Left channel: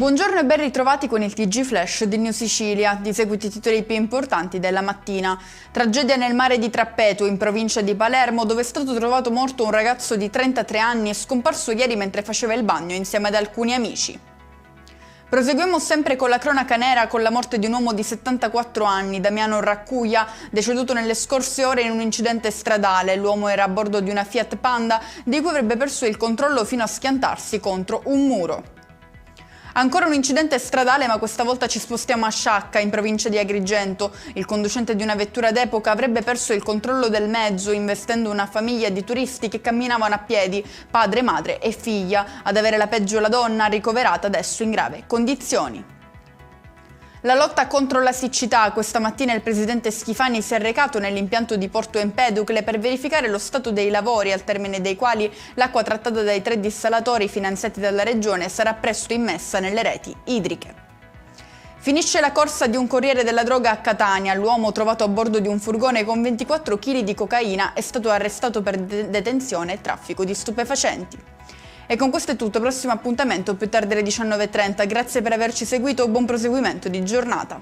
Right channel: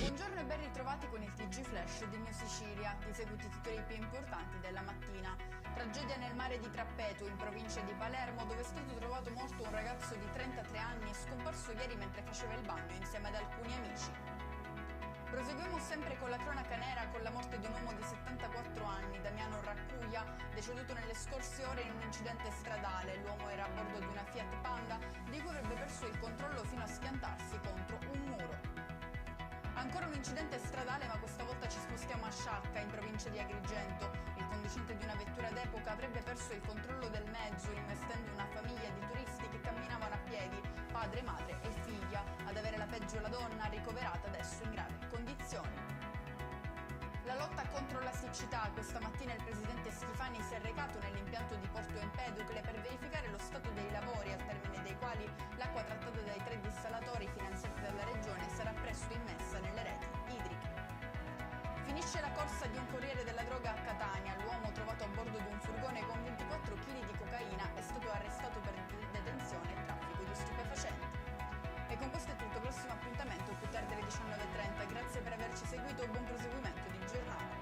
Buongiorno e ben ritrovati con il TG Flash di New Sicilia. Di seguito i titoli più importanti della mattina. Tragedia nel mare di Trappeto, in provincia di Palermo, dove è stato trovato morto un ragazzo di 33 anni scomparso ieri mentre faceva il bagno insieme ad alcuni amici. Proseguiamo sempre con la cronaca nera con la morte di un uomo di 74 anni, Damiano Raccuia, deceduto nelle scorse ore in un incidente stradale. L'uomo era a bordo di una Fiat Panda di cui avrebbe perso il controllo fino a schiantarsi contro un muro. Ancora un incidente stradale, ma questa volta ci spostiamo a Sciacca, in provincia di Agrigento. Il conducente di una vettura d'epoca avrebbe perso il controllo del mezzo, investendo una famiglia di turisti che camminavano a piedi, padre, madre e figlia. Ad avere la peggio la donna, ricoverata adesso in grave condizioni. La lotta contro la siccità. Questa mattina il presidente Schifani si è recato nell'impianto di Porto Empedocle per verificare lo stato dei lavori, al termine dei quali l'acqua trattata dai 3 dissalatori finanziati dalla regione sarà presto immessa nelle reti idriche. Finisce la corsa di un corriere della droga a Catania. L'uomo trovato a bordo di un furgone con 24 kg di cocaina è stato arrestato per detenzione e traffico di stupefacenti. E con questo è tutto, prossimo appuntamento più tardi alle 19:30. Grazie per averci seguito, buon proseguimento di giornata.